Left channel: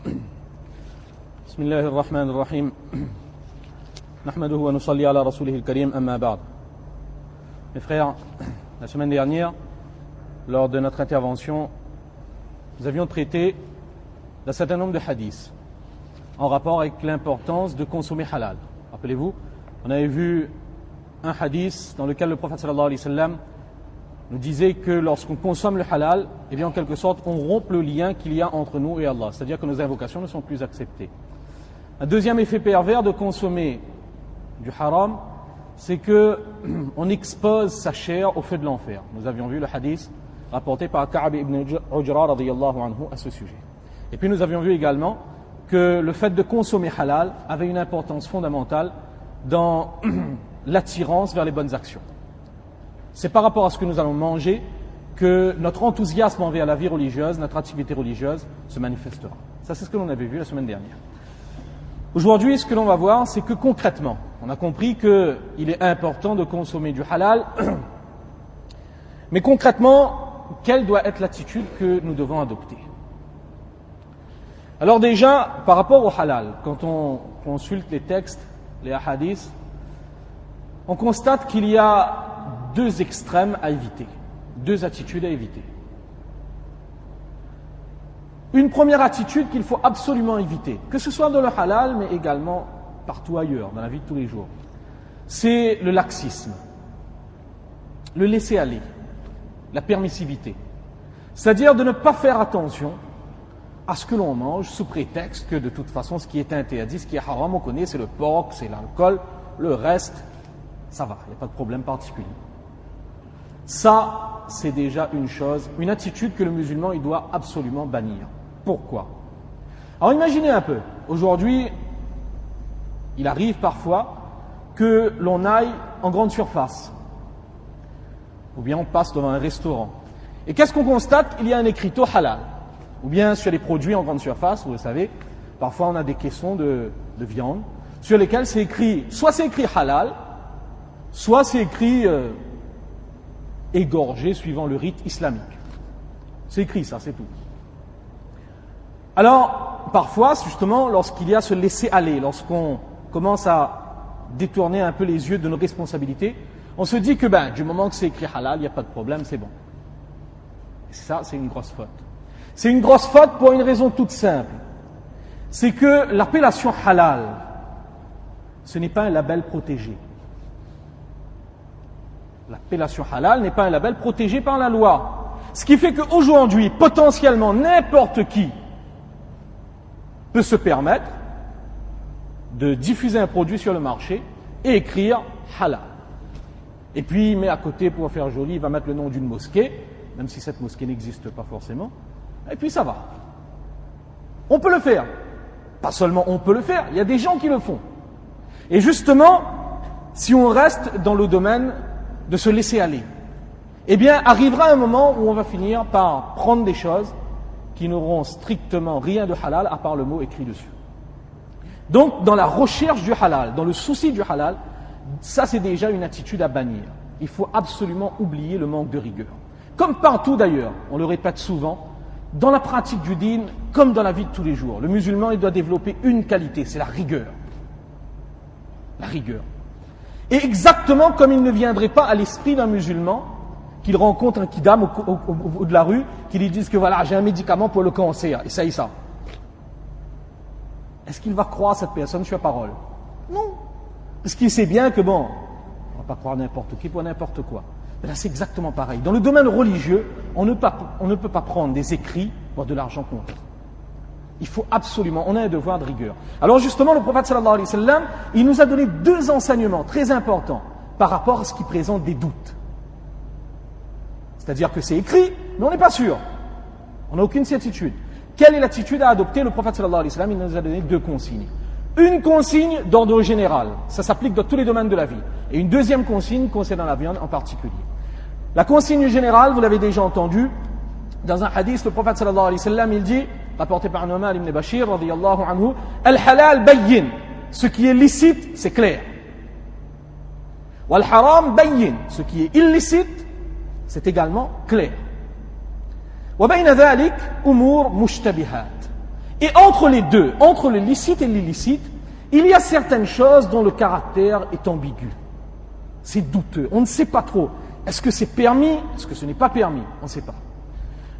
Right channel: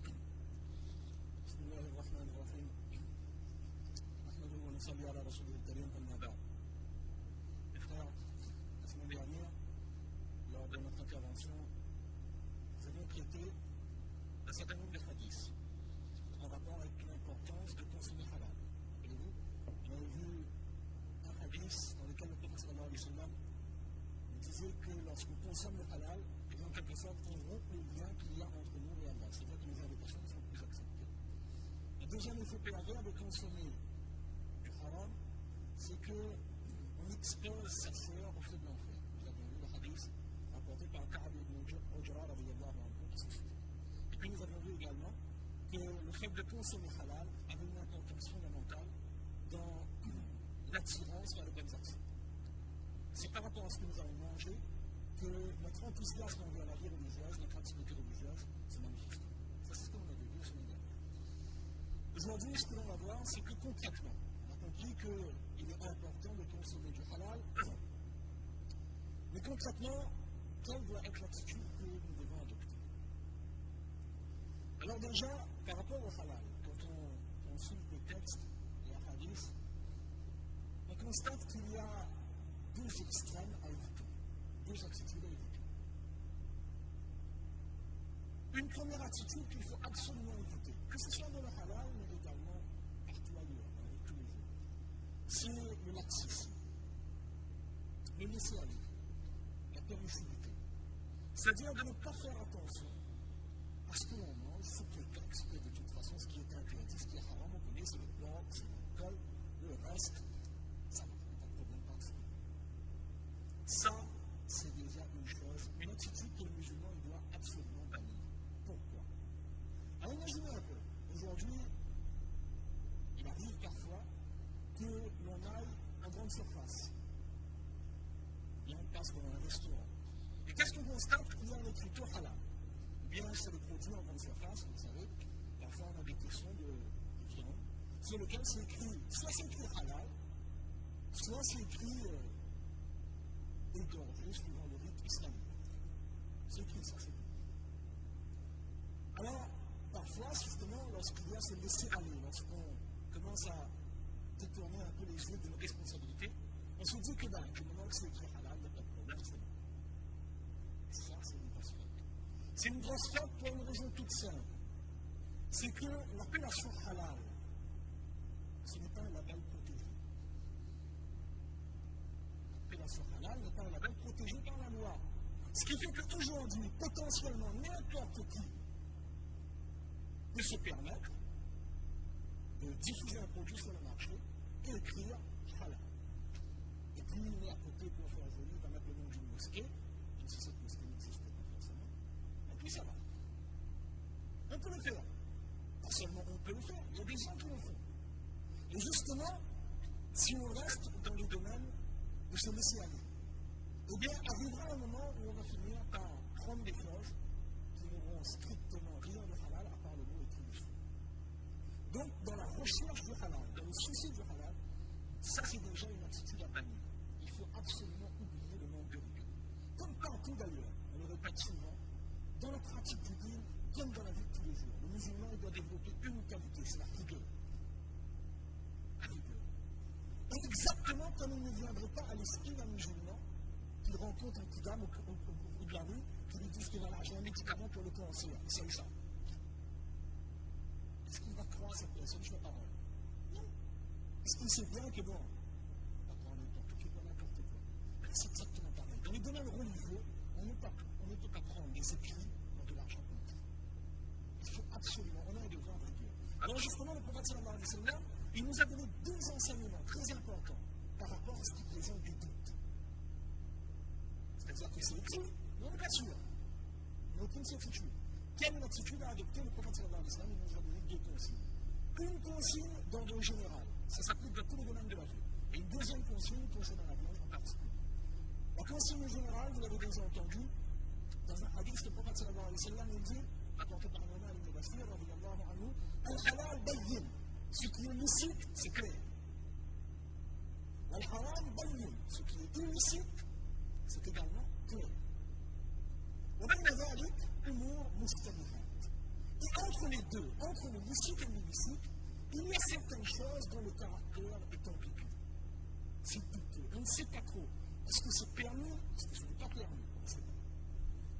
بسم الله الرحمن الرحيم نحمده ونصلي على رسوله الكريم أما بعد. Mes frères, la semaine dernière, lors de notre intervention, nous avions traité d'un certain nombre de hadiths en rapport avec l'importance de consommer halal. Rappelez-vous, on avait vu un hadith dans lequel le prophète sallallahu alayhi wa sallam nous disait que lorsqu'on consomme le halal, eh bien en quelque sorte, on rompt le lien qu'il y a entre nous et Allah. C'est-à-dire que nos invocations ne sont plus acceptées. Un deuxième effet pervers de consommer du haram, c'est qu'on expose sa chair au feu de l'enfer. Nous avions vu le hadith rapporté par Ka'b ibn Ujra radiyallahu anhu à ce sujet. Et puis nous avions vu également que le fait de consommer halal avait une importance fondamentale dans l'attirance vers les bonnes actions. C'est par rapport à ce que nous allons manger que notre enthousiasme envers la vie religieuse, notre activité religieuse se manifestera. Ça, c'est ce que l'on avait vu la semaine dernière. Aujourd'hui, ce que l'on va voir, c'est que concrètement, on a compris qu'il est important de consommer du halal, mais concrètement, quelle doit être l'attitude que nous devons adopter? Alors déjà, par rapport au halal, quand on consulte les textes, les hadiths, on constate qu'il y a deux extrêmes à éviter, deux attitudes à éviter. Une première attitude qu'il faut absolument éviter, que ce soit dans le halal, mais également partout ailleurs, dans la vie de tous les jours, c'est le laxisme, le laisser-aller, la permissivité. C'est-à-dire de ne pas faire attention à ce que l'on mange sous prétexte que de toute façon ce qui est interdit, ce qui est haram, on connaît, c'est le porc, c'est l'alcool, le reste, ça va, il n'y a pas de problème particulier. Ça, c'est déjà une chose, une attitude que le musulman il doit absolument bannir. Pourquoi? Alors imaginez un peu, aujourd'hui, il arrive parfois que l'on aille en grande surface, ou bien on passe devant un restaurant. Et qu'est-ce qu'on constate? Il y a un écriteau halal. Ou bien sur les produits en grande surface, vous le savez, parfois on a des caissons de viande, sur lesquels c'est écrit, soit c'est écrit halal, soit c'est écrit égorgé suivant le rite islamique. C'est écrit ça, c'est tout. Alors, parfois, justement, lorsqu'il y a ce laisser-aller, lorsqu'on commence à détourner un peu les yeux de nos responsabilités, on se dit que du moment que c'est écrit halal, il n'y a pas de problème, c'est bon. Et ça, c'est une grosse faute. C'est une grosse faute pour une raison toute simple. C'est que l'appellation halal, ce n'est pas un label protégé. L'appellation halal n'est pas un label protégé par la loi. Ce qui fait qu'aujourd'hui, potentiellement, n'importe qui peut se permettre de diffuser un produit sur le marché et écrire halal. Et puis, il met à côté, pour faire joli, il va mettre le nom d'une mosquée, même si cette mosquée n'existe pas forcément, et puis ça va. On peut le faire. Pas seulement on peut le faire, il y a des gens qui le font. Et justement, si on reste dans le domaine de se laisser aller, eh bien, arrivera un moment où on va finir par prendre des choses qui n'auront strictement rien de halal à part le mot écrit dessus. Donc, dans la recherche du halal, dans le souci du halal, ça c'est déjà une attitude à bannir. Il faut absolument oublier le manque de rigueur. Comme partout d'ailleurs, on le répète souvent, dans la pratique du dîn, comme dans la vie de tous les jours, le musulman il doit développer une qualité, c'est la rigueur. La rigueur. Et exactement comme il ne viendrait pas à l'esprit d'un musulman qu'il rencontre un kidam au bout de la rue, qui lui dise que voilà, j'ai un médicament pour le cancer, essaye ça. Est-ce qu'il va croire cette personne sur parole? Non. Parce qu'il sait bien que on ne va pas croire n'importe qui pour n'importe quoi. Mais là, c'est exactement pareil. Dans le domaine religieux, on ne peut pas prendre des écrits pour de l'argent comptant. Il faut absolument, on a un devoir de rigueur. Alors justement, le prophète sallallahu alayhi wa sallam, il nous a donné deux enseignements très importants par rapport à ce qui présente des doutes. C'est-à-dire que c'est écrit, mais on n'est pas sûr. On n'a aucune certitude. Quelle est l'attitude à adopter? Le prophète sallallahu alayhi wa sallam, il nous a donné deux consignes. Une consigne d'ordre général, ça s'applique dans tous les domaines de la vie. Et une deuxième consigne concernant la viande en particulier. La consigne générale, vous l'avez déjà entendu, dans un hadith, le prophète sallallahu alayhi wa sallam, il dit, rapporté par Nu'man ibn Bashir, radiyallahu anhu, al-halal bayyin, ce qui est licite, c'est clair. Wal-haram bayyin, ce qui est illicite, c'est également clair. وبين ذلك أمور مشتبهات. Et entre les deux, entre le licite et l'illicite, il y a certaines choses dont le caractère est ambigu. C'est douteux, on ne sait pas trop. Est-ce que c'est permis? Est-ce que ce n'est pas permis? On ne sait pas.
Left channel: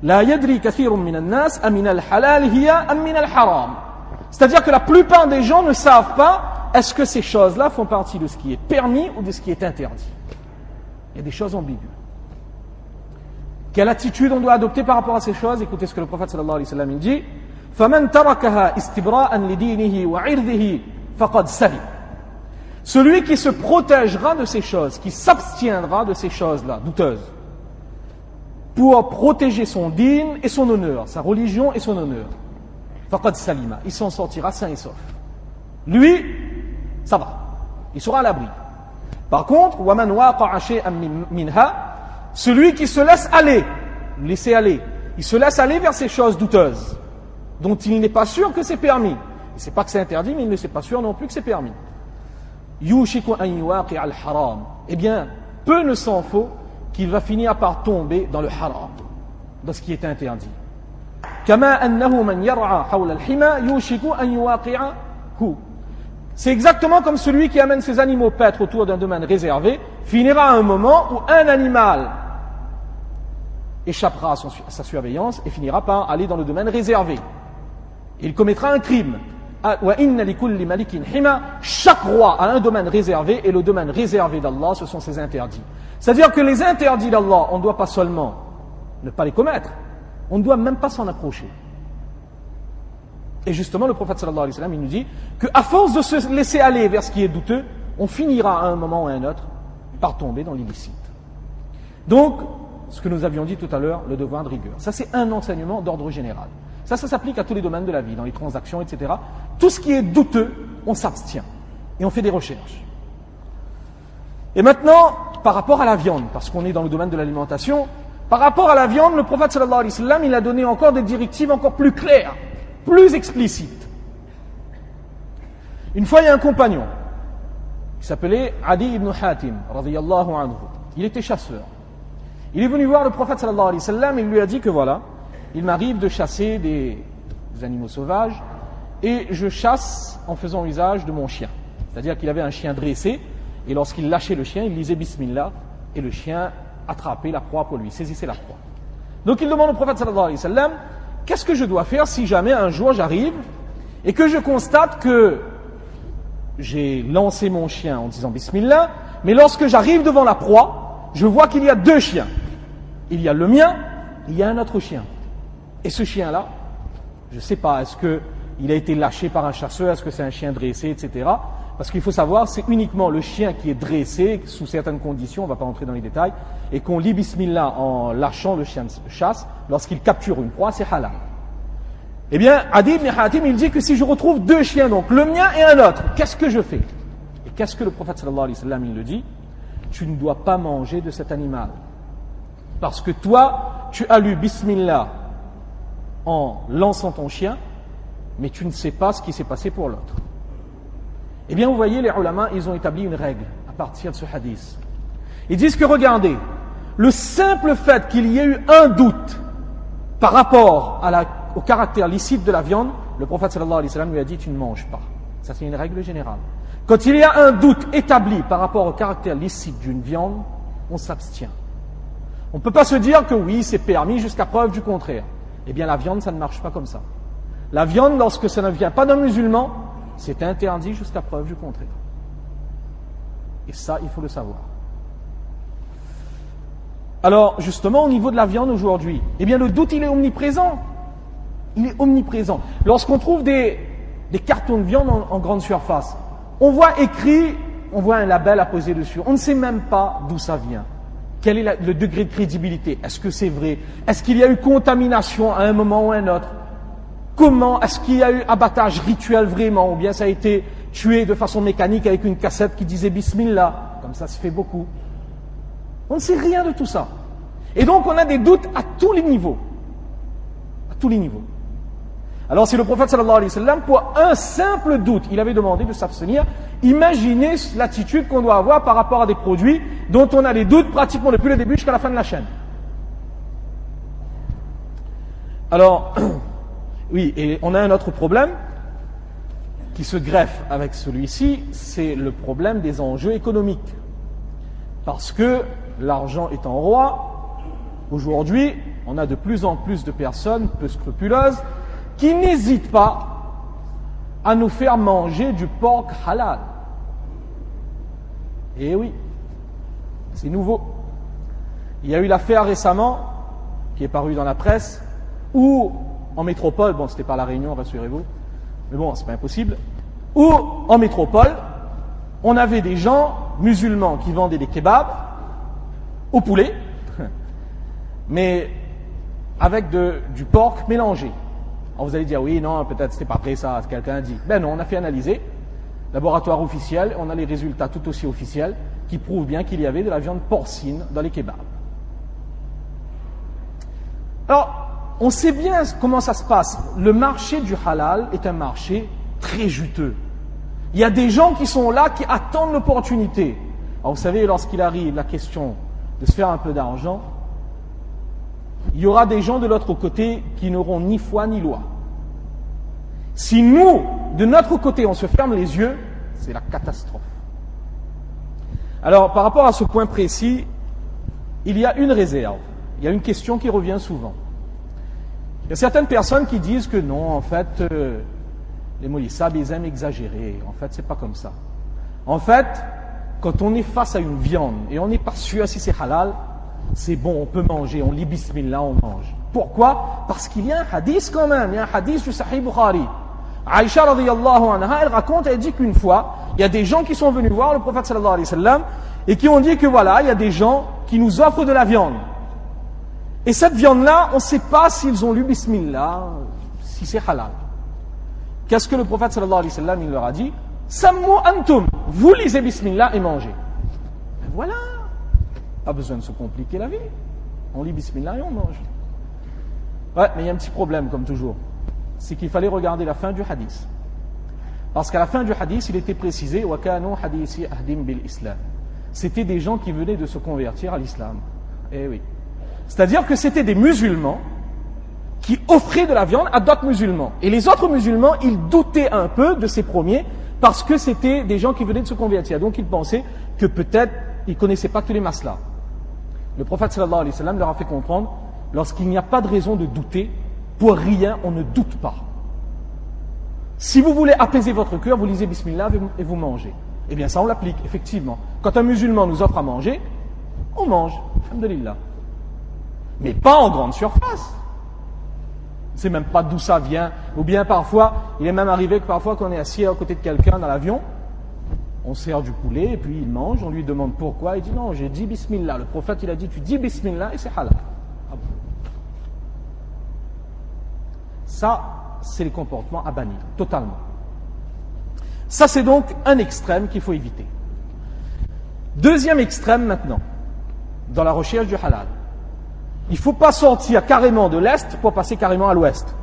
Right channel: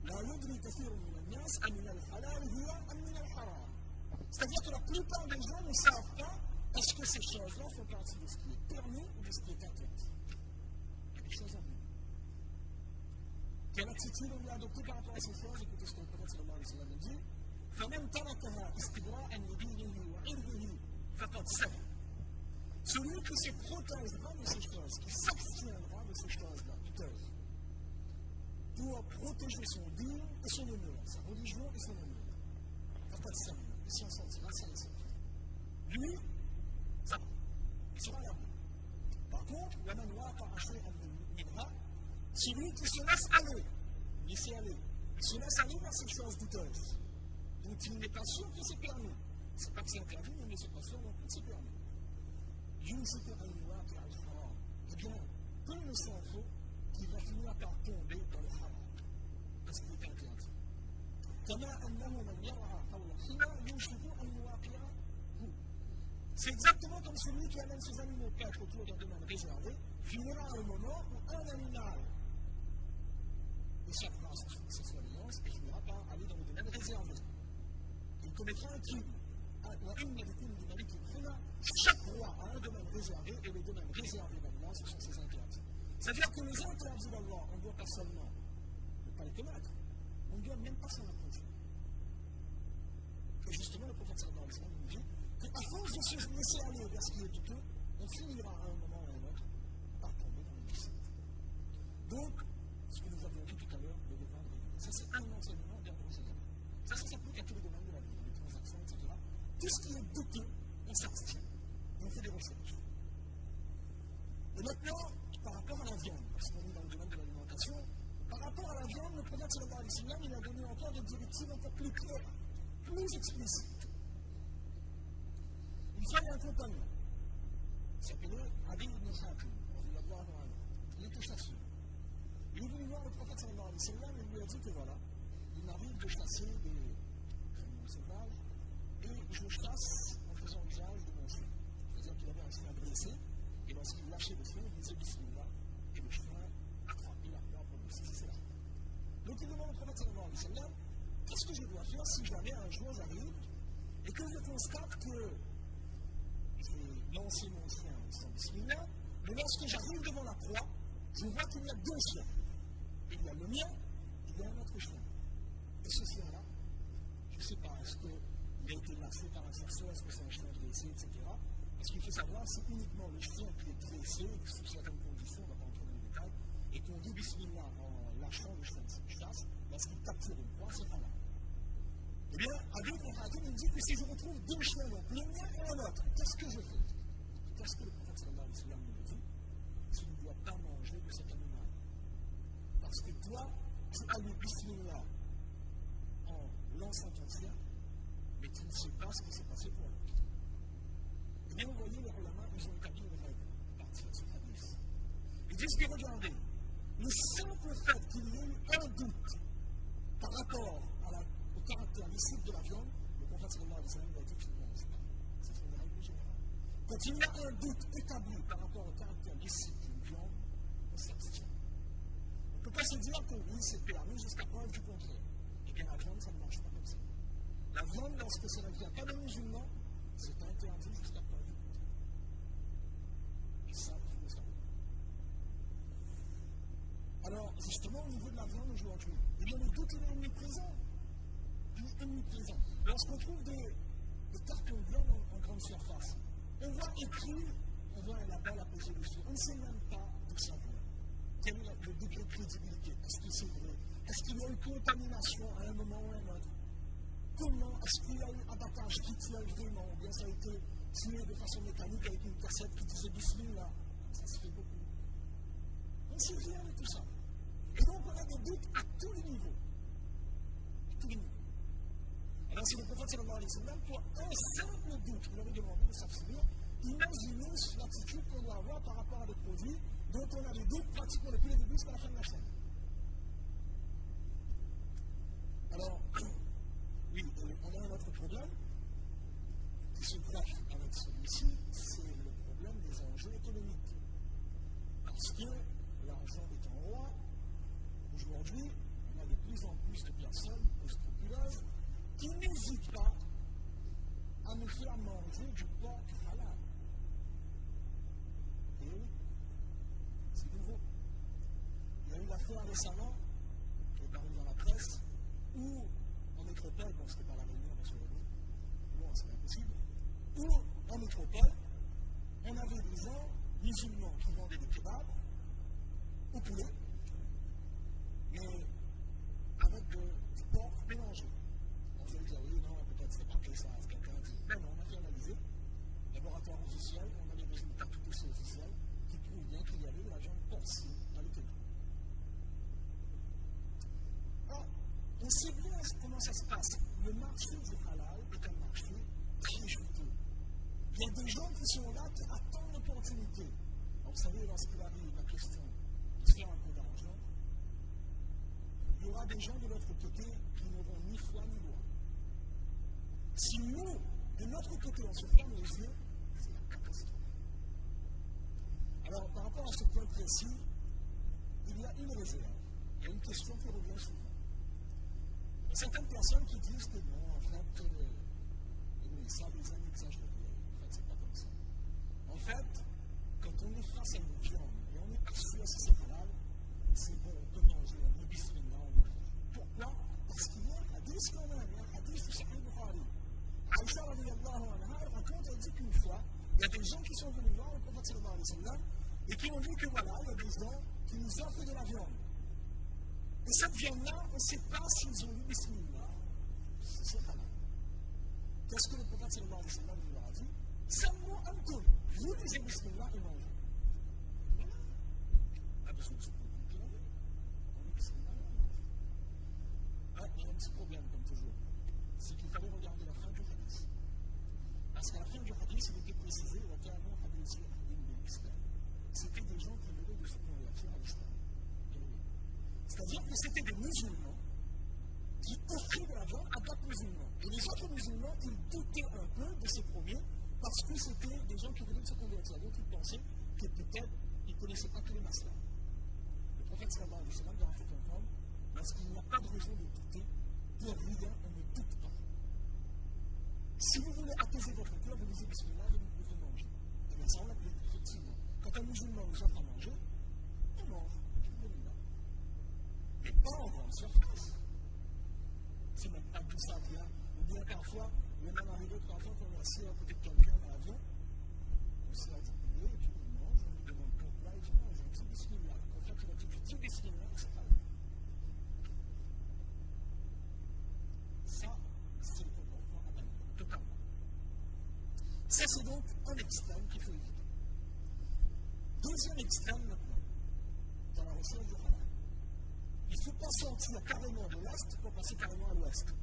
La yadri kathirun minan nas amin al-halal hiya am min al-haram. C'est-à-dire que la plupart des gens ne savent pas est-ce que ces choses-là font partie de ce qui est permis ou de ce qui est interdit. Il y a des choses ambiguës. Quelle attitude on doit adopter par rapport à ces choses? Écoutez ce que le prophète sallallahu alayhi wa sallam dit. فَمَنْ تَرَكَهَا إِسْتِبْرَاءً لِدِينِهِ وَعِرْضِهِ فَقَدْ سَلِمَ. Celui qui se protégera de ces choses, qui s'abstiendra de ces choses-là, douteuses, pour protéger son dîn et son honneur, sa religion et son honneur, faqad salima, il s'en sortira sain et sauf. Lui, ça va, il sera à l'abri. Par contre, waman waqa'a shay'an minha, celui qui se laisse aller, laisser aller, il se laisse aller vers ces choses douteuses, dont il n'est pas sûr que c'est permis. Il ne sait pas que c'est interdit, mais il ne sait pas sûr non plus que c'est permis. Yushiku an yuwaqi'a al-haram. Eh bien, peu ne s'en faut qu'il va finir par tomber dans le haram, dans ce qui est interdit. Kama annahu man yar'a hawla al-hima yushiku an yuwaqi'ahu. C'est exactement comme celui qui amène ses animaux paître autour d'un domaine réservé, finira à un moment où un animal échappera à sa surveillance et finira par aller dans le domaine réservé. Il commettra un crime. Chaque roi a un domaine réservé et le domaine réservé d'Allah, ce sont ses interdits. C'est-à-dire que les interdits d'Allah, on ne doit pas seulement ne pas les commettre, on ne doit même pas s'en approcher. Et justement, le prophète sallallahu alayhi wa sallam, il nous dit qu'à force de se laisser aller vers ce qui est douteux, on finira à un moment ou à un autre par tomber dans l'illicite. Donc, ce que nous avions dit tout à l'heure, le devoir de rigueur. Ça, c'est un enseignement d'ordre général. Ça s'applique à tous les domaines de la vie, dans les transactions, etc. Tout ce qui est douteux, on s'abstient. Et on fait des recherches. Et maintenant, par rapport à la viande, parce qu'on est dans le domaine de l'alimentation, par rapport à la viande, le prophète sallallahu alayhi wa sallam, il a donné encore des directives encore plus claires, plus explicites. Une fois, il y a un compagnon, qui s'appelait Adi ibn Hatim, radiyallahu anhu. Il était chasseur. Il est venu voir le prophète sallallahu alayhi wa sallam et il lui a dit que voilà, il m'arrive de chasser des animaux sauvages et je chasse en faisant usage de mon chien. C'est-à-dire qu'il avait un chien dressé et lorsqu'il lâchait le chien, il disait Bismillah et le chien attrapait la proie pour lui, saisissait la proie. Donc il demande au prophète sallallahu alayhi wa sallam, qu'est-ce que je dois faire si jamais un jour j'arrive et que je constate que j'ai lancé mon chien en disant Bismillah, mais lorsque j'arrive devant la proie, je vois qu'il y a deux chiens. Il y a le mien et il y a un autre chien. Et ce chien-là, je ne sais pas, est-ce qu'il a été lâché par un chasseur, est-ce que c'est un chien dressé, etc. Parce qu'il faut savoir, c'est uniquement le chien qui est dressé, sous certaines conditions, on ne va pas entrer dans les détails, et qu'on lit Bismillah en lâchant le chien de chasse, lorsqu'il capture une proie, c'est halal. Eh bien, Adi ibn Hatim, il dit que si je retrouve deux chiens, donc le mien et un autre, qu'est-ce que je fais? Et qu'est-ce que le prophète sallallahu alayhi wa sallam, il le dit? Tu ne dois pas manger de cet animal. Parce que toi, tu as lu Bismillah en lançant ton chien, mais tu ne sais pas ce qui s'est passé pour l'autre. Eh bien, vous voyez, les ulama, ils ont établi une règle à partir de ce hadith. Ils disent que, regardez, le simple fait qu'il y ait eu un doute par rapport au caractère licite de la viande, le prophète sallallahu alayhi wa sallam lui a dit, tu ne manges pas. Ça, c'est une règle générale. Quand il y a un doute établi par rapport au caractère licite d'une viande, on s'abstient. On ne peut pas se dire que oui, c'est permis jusqu'à preuve du contraire. Eh bien, la viande, ça ne marche pas comme ça. La viande, lorsque ça ne vient pas d'un musulman, c'est interdit jusqu'à preuve du contraire. Et ça, il faut le savoir. Alors, justement, au niveau de la viande aujourd'hui, eh bien, le doute, il est omniprésent. Il est omniprésent. Lorsqu'on trouve des cartons de viande en grande surface, on voit écrit, on voit un label apposé dessus. On ne sait même pas d'où ça vient. Quel est le degré de crédibilité? Est-ce que c'est vrai? Est-ce qu'il y a eu contamination à un moment ou à un autre? Comment? Est-ce qu'il y a eu abattage rituel vraiment? Ou bien ça a été tué de façon mécanique avec une cassette qui disait Bismillah? Comme ça se fait beaucoup. On ne sait rien de tout ça. Et donc on a des doutes à tous les niveaux. À tous les niveaux. Alors si le prophète sallallahu alayhi wa sallam, pour un simple doute, il avait demandé de s'abstenir, imaginez l'attitude qu'on doit avoir par rapport à des produits dont on a des doutes pratiquement depuis le début jusqu'à la fin de la chaîne. Alors, Oui, et on a un autre problème qui se greffe avec celui-ci, c'est le problème des enjeux économiques. Parce que l'argent étant roi, aujourd'hui, on a de plus en plus de personnes peu scrupuleuses qui n'hésitent pas à nous faire manger du porc halal. Et oui, c'est nouveau. Il y a eu l'affaire récemment, qui est parue dans la presse, où en métropole, bon c'était pas la Réunion, rassurez-vous, mais bon c'est pas impossible, où en métropole, on avait des gens musulmans qui vendaient des kebabs au poulet, mais avec du porc mélangé. Alors vous allez dire, oui, non, peut-être c'était pas vrai ça, quelqu'un a dit. Ben non, on a fait analyser, laboratoire officiel, on a les résultats tout aussi officiels qui prouvent bien qu'il y avait de la viande porcine dans les kebabs. Alors, on sait bien comment ça se passe. Le marché du halal est un marché très juteux. Il y a des gens qui sont là, qui attendent l'opportunité. Alors vous savez, lorsqu'il arrive la question de se faire un peu d'argent, il y aura des gens de l'autre côté qui n'auront ni foi ni loi. Si nous, de notre côté, on se ferme les yeux, c'est la catastrophe. Alors, par rapport à ce point précis, il y a une réserve. Il y a une question qui revient souvent. Il y a certaines personnes qui disent que non, en fait, les moulissabs, ils aiment exagérer. En fait, c'est pas comme ça. En fait, quand on est face à une viande et on n'est pas sûr si c'est halal, c'est bon, on peut manger, on lit bismillah, on mange. Pourquoi? Parce qu'il y a un hadith quand même, il y a un hadith du Sahih Bukhari. Aïcha radiyallahu anha, elle raconte, elle dit qu'une fois, il y a des gens qui sont venus voir le prophète sallallahu alayhi wa sallam et qui ont dit que voilà, il y a des gens qui nous offrent de la viande. Et cette viande-là, on ne sait pas s'ils ont lu bismillah, si c'est halal. Qu'est-ce que le prophète sallallahu alayhi wa sallam, il leur a dit? Sammu antum, vous lisez bismillah et mangez. Et voilà, pas besoin de se compliquer la vie. On lit bismillah et on mange. Ouais, mais il y a un petit problème comme toujours. C'est qu'il fallait regarder la fin du hadith. Parce qu'à la fin du hadith, il était précisé wa kanu hadithi ahdim bil islam. C'était des gens qui venaient de se convertir à l'islam. Eh oui. C'est-à-dire que c'était des musulmans qui offraient de la viande à d'autres musulmans. Et les autres musulmans, ils doutaient un peu de ces premiers parce que c'était des gens qui venaient de se convertir. Donc ils pensaient que peut-être ils ne connaissaient pas tous les maslas. Le prophète sallallahu alayhi wa sallam leur a fait comprendre, lorsqu'il n'y a pas de raison de douter, pour rien on ne doute pas. Si vous voulez apaiser votre cœur, vous lisez bismillah et vous mangez. Eh bien ça on l'applique, effectivement. Quand un musulman nous offre à manger, on mange, alhamdulillah. Mais pas en grande surface. C'est même pas d'où ça vient. Ou bien parfois, il est même arrivé que parfois qu'on est assis à côté de quelqu'un dans l'avion, on sert du poulet et puis il mange, on lui demande pourquoi, il dit non, j'ai dit bismillah. Le prophète il a dit tu dis bismillah et c'est halal. Ah bon. Ça, c'est les comportements à bannir, totalement. Ça, c'est donc un extrême qu'il faut éviter. Deuxième extrême maintenant, dans la recherche du halal. Il ne faut pas sortir carrément de l'Est pour passer carrément à l'Ouest.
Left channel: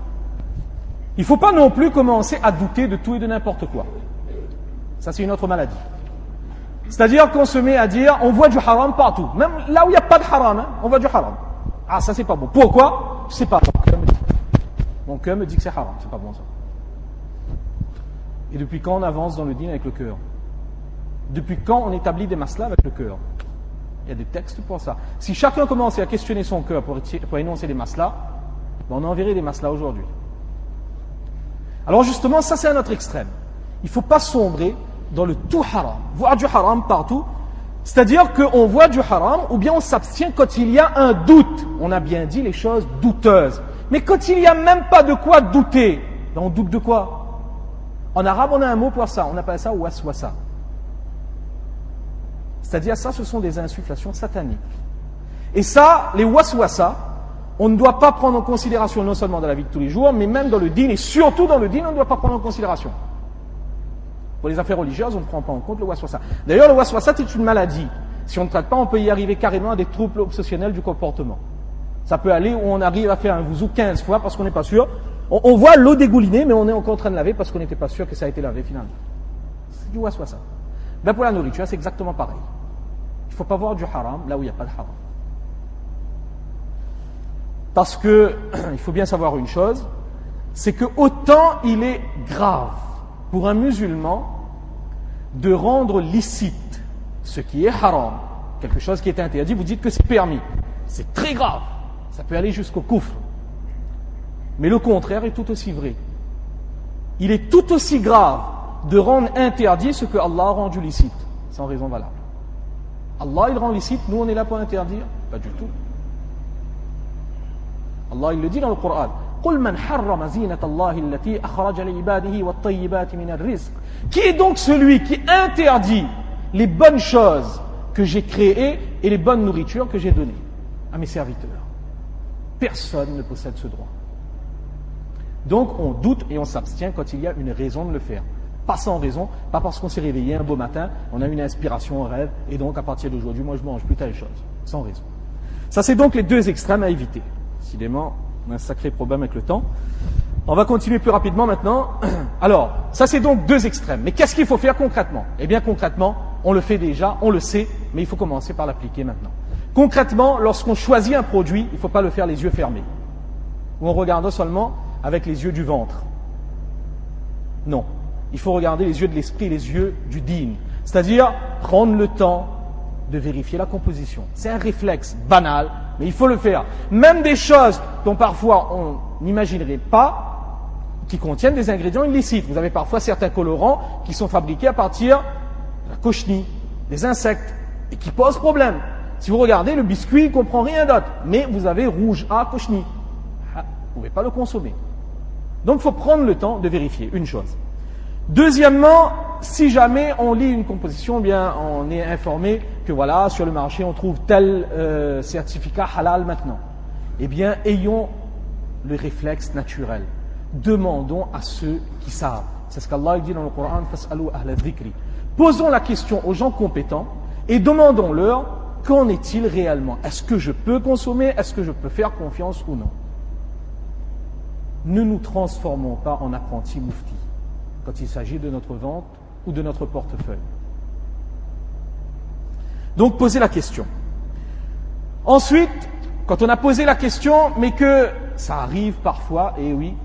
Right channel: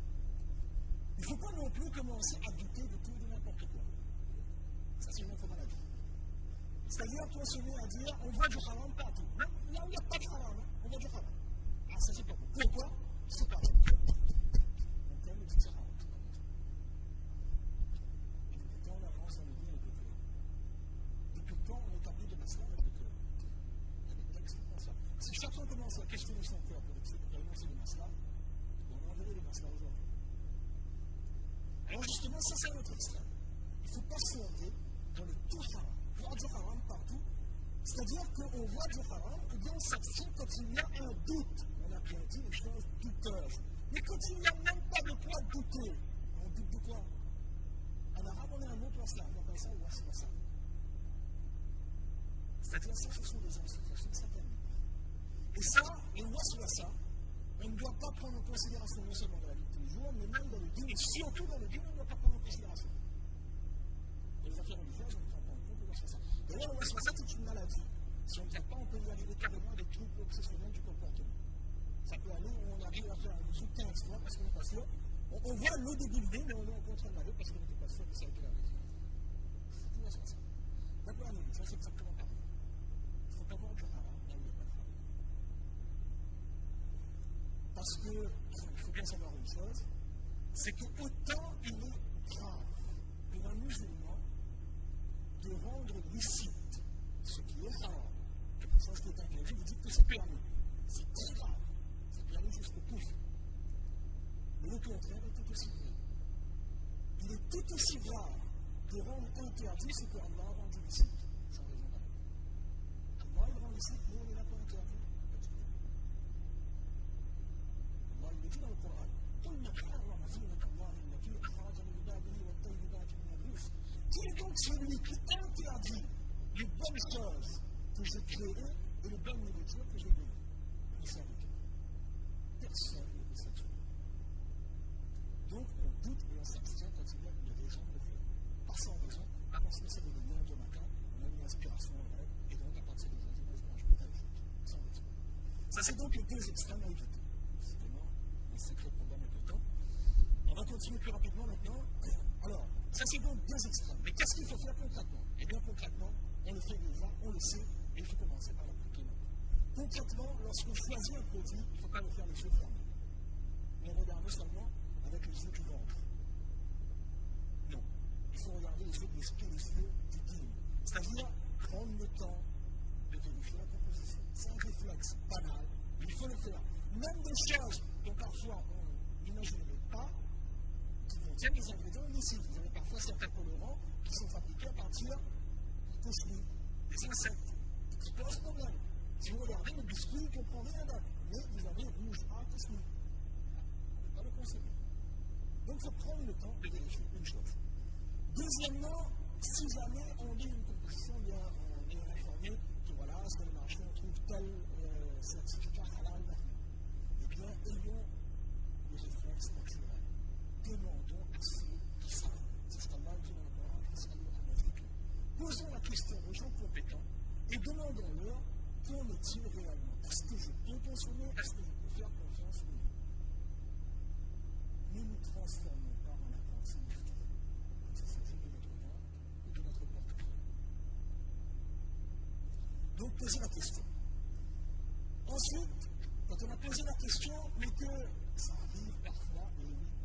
Il ne faut pas non plus commencer à douter de tout et de n'importe quoi. Ça, c'est une autre maladie. C'est-à-dire qu'on se met à dire, on voit du haram partout. Même là où il n'y a pas de haram, hein, on voit du haram. Ah, ça, c'est pas bon. Pourquoi? Je ne sais pas. Mon cœur me dit que c'est haram. C'est pas bon, ça. Et depuis quand on avance dans le dîn avec le cœur? Depuis quand on établit des maslas avec le cœur? Il y a des textes pour ça. Si chacun commençait à questionner son cœur pour énoncer des maslas, on enverrait des maslas aujourd'hui. Alors justement, ça c'est un autre extrême. Il ne faut pas sombrer dans le tout haram. Voir du haram partout, c'est-à-dire qu'on voit du haram ou bien on s'abstient quand il y a un doute. On a bien dit les choses douteuses. Mais quand il n'y a même pas de quoi douter, ben on doute de quoi? En arabe, on a un mot pour ça, on appelle ça waswasa. C'est-à-dire ça, ce sont des insufflations sataniques. Et ça, les waswasa, on ne doit pas prendre en considération non seulement dans la vie de tous les jours, mais même dans le dîn, et surtout dans le dîn, on ne doit pas prendre en considération. Pour les affaires religieuses, on ne prend pas en compte le waswasa. D'ailleurs, le waswasa, c'est une maladie. Si on ne traite pas, on peut y arriver carrément à des troubles obsessionnels du comportement. Ça peut aller où on arrive à faire un wuzu 15 fois parce qu'on n'est pas sûr. On voit l'eau dégouliner, mais on est encore en train de laver parce qu'on n'était pas sûr que ça a été lavé finalement. C'est du waswasa. Ben pour la nourriture, c'est exactement pareil. Il ne faut pas voir du haram là où il n'y a pas de haram. Parce que, il faut bien savoir une chose, c'est que autant il est grave pour un musulman de rendre licite ce qui est haram, quelque chose qui est interdit, vous dites que c'est permis. C'est très grave. Ça peut aller jusqu'au kufr. Mais le contraire est tout aussi vrai. Il est tout aussi grave de rendre interdit ce que Allah a rendu licite, sans raison valable. Allah, il rend licite, nous on est là pour interdire? Pas du tout. Allah, il le dit dans le Coran. قُلْ مَنْ حَرَّمَ زِينَةَ اللَّهِ الَّتِي أَخْرَجَ لِعِبَادِهِ وَالطَّيِّبَاتِ مِنَ الرِّزْقِ. Qui est donc celui qui interdit les bonnes choses que j'ai créées et les bonnes nourritures que j'ai données à mes serviteurs? Personne ne possède ce droit. Donc on doute et on s'abstient quand il y a une raison de le faire. Pas sans raison, pas parce qu'on s'est réveillé un beau matin, on a une inspiration, un rêve, et donc à partir d'aujourd'hui, moi je mange plus telle chose. Sans raison. Ça c'est donc les deux extrêmes à éviter. Décidément, on a un sacré problème avec le temps. On va continuer plus rapidement maintenant. Alors, ça c'est donc deux extrêmes. Mais qu'est-ce qu'il faut faire concrètement? Eh bien concrètement, on le fait déjà, on le sait, mais il faut commencer par l'appliquer maintenant. Concrètement, lorsqu'on choisit un produit, il ne faut pas le faire les yeux fermés. Ou en regardant seulement avec les yeux du ventre. Non. Il faut regarder les yeux de l'esprit, les yeux du din. C'est-à-dire prendre le temps de vérifier la composition. C'est un réflexe banal, mais il faut le faire. Même des choses dont parfois on n'imaginerait pas, qui contiennent des ingrédients illicites. Vous avez parfois certains colorants qui sont fabriqués à partir de la cochenille, des insectes, et qui posent problème. Si vous regardez, le biscuit ne comprend rien d'autre, mais vous avez rouge à cochenille. Vous ne pouvez pas le consommer. Donc il faut prendre le temps de vérifier une chose. Deuxièmement, si jamais on lit une composition, bien on est informé que voilà, sur le marché on trouve tel certificat halal maintenant. Eh bien, ayons le réflexe naturel. Demandons à ceux qui savent. C'est ce qu'Allah dit dans le Coran, Fas'alu ahla dhikri. Posons la question aux gens compétents et demandons-leur qu'en est-il réellement? Est-ce que je peux consommer? Est-ce que je peux faire confiance ou non? Ne nous transformons pas en apprentis mouftis quand il s'agit de notre vente ou de notre portefeuille. Donc, posez la question. Ensuite, quand on a posé la question, mais que ça arrive parfois, et oui,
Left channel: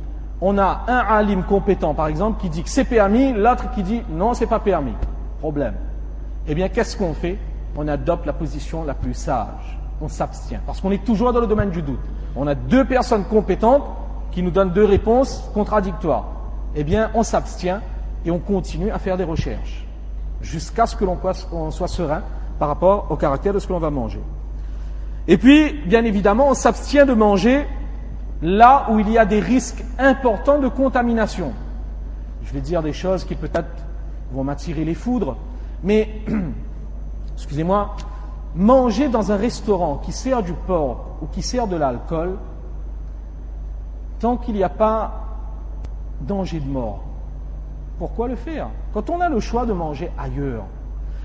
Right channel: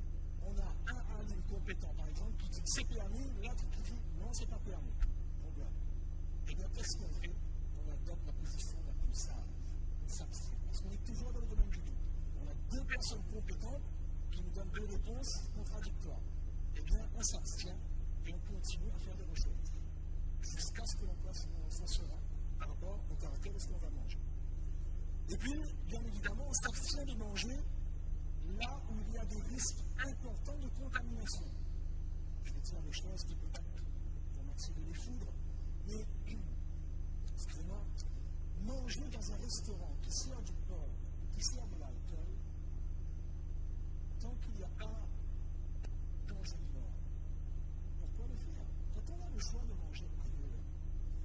on a un alim compétent, par exemple, qui dit que c'est permis, l'autre qui dit non, c'est pas permis. Problème. Eh bien, qu'est-ce qu'on fait? On adopte la position la plus sage. On s'abstient. Parce qu'on est toujours dans le domaine du doute. On a deux personnes compétentes qui nous donnent deux réponses contradictoires. Eh bien, on s'abstient et on continue à faire des recherches jusqu'à ce que l'on soit serein par rapport au caractère de ce que l'on va manger. Et puis, bien évidemment, on s'abstient de manger là où il y a des risques importants de contamination. Je vais dire des choses qui peut-être vont m'attirer les foudres, mais, excusez-moi, manger dans un restaurant qui sert du porc ou qui sert de l'alcool, tant qu'il n'y a pas danger de mort, pourquoi le faire? Quand on a le choix de manger ailleurs,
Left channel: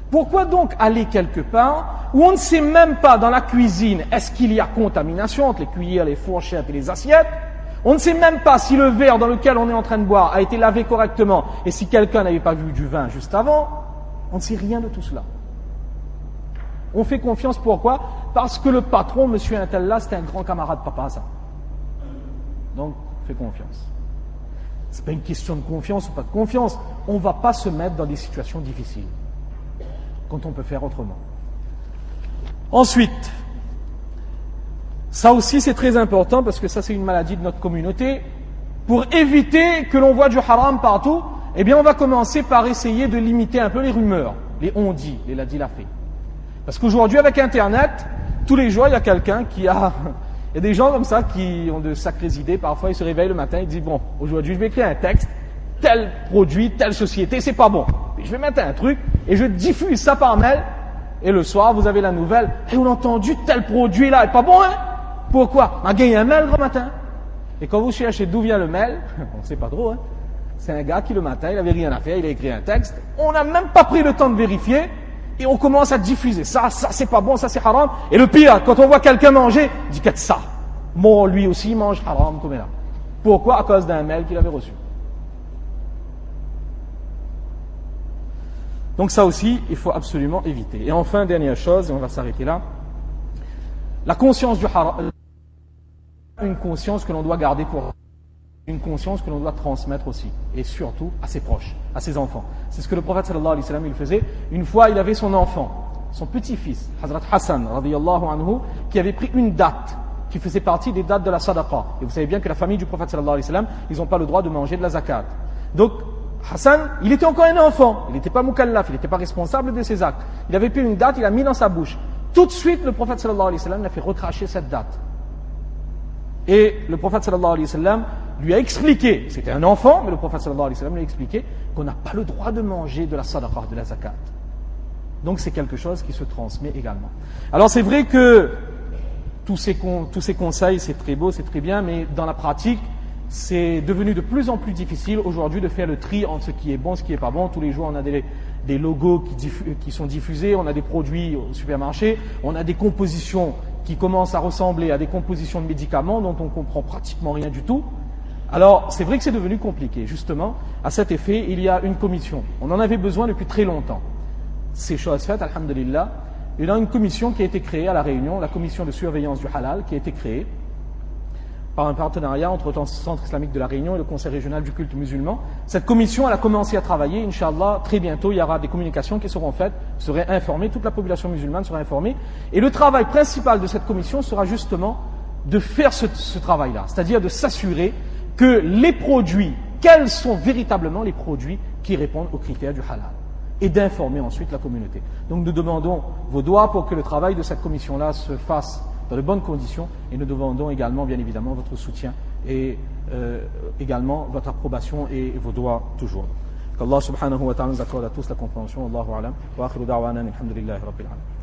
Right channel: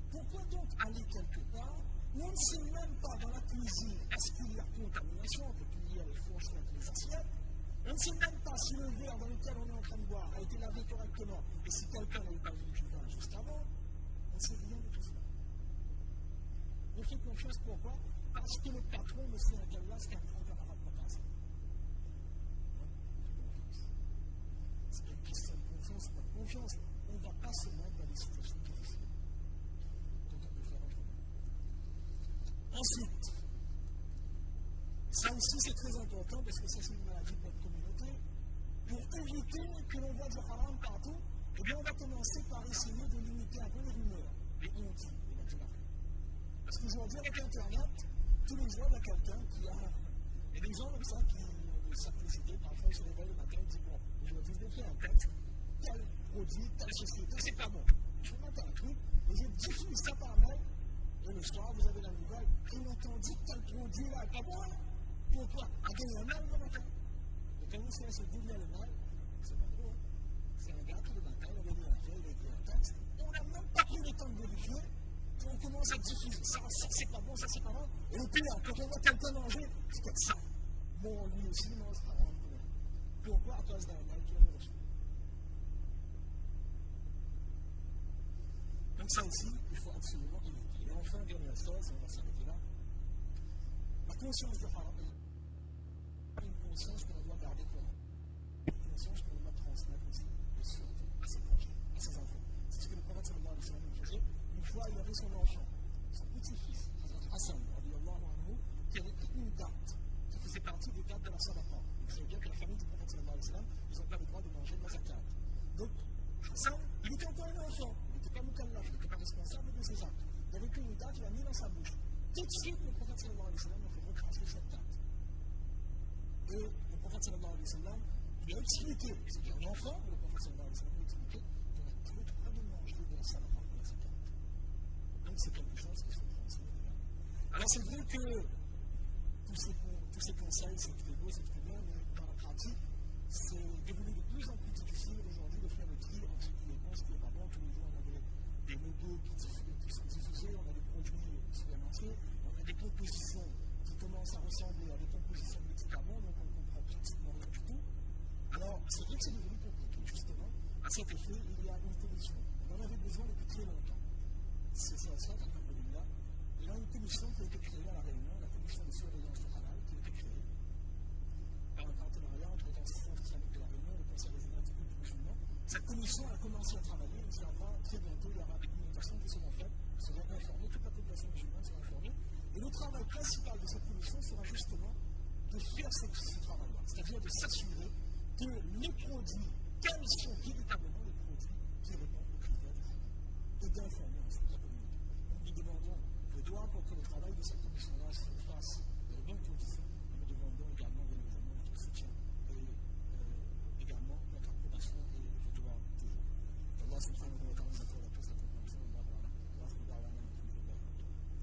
pourquoi donc aller quelque part où on ne sait même pas dans la cuisine est-ce qu'il y a contamination entre les cuillères, les fourchettes et les assiettes? On ne sait même pas si le verre dans lequel on est en train de boire a été lavé correctement et si quelqu'un n'avait pas vu du vin juste avant. On ne sait rien de tout cela. On fait confiance, pourquoi? Parce que le patron, monsieur un tel là, c'est un grand camarade papa, ça. Donc, on fait confiance. Ce n'est pas une question de confiance ou pas de confiance. On ne va pas se mettre dans des situations difficiles quand on peut faire autrement. Ensuite, ça aussi c'est très important parce que ça c'est une maladie de notre communauté. Pour éviter que l'on voit du haram partout, eh bien on va commencer par essayer de limiter un peu les rumeurs, les on-dit, les l'a-dit l'a fait. Parce qu'aujourd'hui avec Internet, tous les jours il y a quelqu'un qui a... Il y a des gens comme ça qui ont de sacrées idées. Parfois, ils se réveillent le matin et disent, bon, aujourd'hui, je vais écrire un texte, tel produit, telle société, c'est pas bon. Puis je vais mettre un truc et je diffuse ça par mail. Et le soir, vous avez la nouvelle. Et on a entendu tel produit là, est pas bon, hein? Pourquoi? On a gagné un mail le matin. Et quand vous cherchez d'où vient le mail, on ne sait pas trop, hein? C'est un gars qui le matin, il avait rien à faire, il a écrit un texte. On n'a même pas pris le temps de vérifier. Et on commence à diffuser. Ça c'est pas bon, ça c'est haram. Et le pire, quand on voit quelqu'un manger, il dit qu'est-ce ça? Bon, lui aussi mange haram comme là. Pourquoi? À cause d'un mail qu'il avait reçu. Donc ça aussi, il faut absolument éviter. Et enfin, dernière chose, et on va s'arrêter là, la conscience du haram, une conscience que l'on doit garder pour une conscience que l'on doit transmettre aussi, et surtout à ses proches, à ses enfants. C'est ce que le prophète sallallahu alayhi wa sallam il faisait. Une fois, il avait son enfant, son petit-fils, Hazrat Hassan, radiyallahu anhu, qui avait pris une date, qui faisait partie des dates de la sadaqa. Et vous savez bien que la famille du prophète sallallahu alayhi wa sallam, ils n'ont pas le droit de manger de la zakat. Donc, Hassan, il était encore un enfant, il n'était pas mukallaf, il n'était pas responsable de ses actes. Il avait pris une date, il l'a mis dans sa bouche. Tout de suite, le prophète sallallahu alayhi wa sallam l'a fait recracher cette date. Et le prophète sallallahu alayhi wa sallam lui a expliqué, c'était un enfant, mais le prophète sallallahu alayhi wa sallam lui a expliqué qu'on n'a pas le droit de manger de la sadaqa, de la zakat. Donc c'est quelque chose qui se transmet également. Alors c'est vrai que tous ces conseils, c'est très beau, c'est très bien, mais dans la pratique, c'est devenu de plus en plus difficile aujourd'hui de faire le tri entre ce qui est bon, ce qui n'est pas bon. Tous les jours, on a des logos qui sont diffusés, on a des produits au supermarché, on a des compositions qui commencent à ressembler à des compositions de médicaments dont on ne comprend pratiquement rien du tout. Alors, c'est vrai que c'est devenu compliqué. Justement, à cet effet, il y a une commission. On en avait besoin depuis très longtemps. Ces choses faites, alhamdulillah, il y a une commission qui a été créée à La Réunion, la commission de surveillance du halal, qui a été créée par un partenariat entre le Centre islamique de La Réunion et le Conseil régional du culte musulman. Cette commission, elle a commencé à travailler, Inch'Allah, très bientôt, il y aura des communications qui seront faites, seront informées, toute la population musulmane sera informée. Et le travail principal de cette commission sera justement de faire ce travail-là, c'est-à-dire de s'assurer que les produits, quels sont véritablement les produits qui répondent aux critères du halal, et d'informer ensuite la communauté. Donc nous demandons vos doigts pour que le travail de cette commission-là se fasse dans de bonnes conditions, et nous demandons également, bien évidemment, votre soutien et également votre approbation et vos doigts toujours. Qu'Allah subhanahu wa ta'ala nous accorde à tous la compréhension. Allahu alam. Wa akhiru da'wana alhamdulillahi rabbil alamin.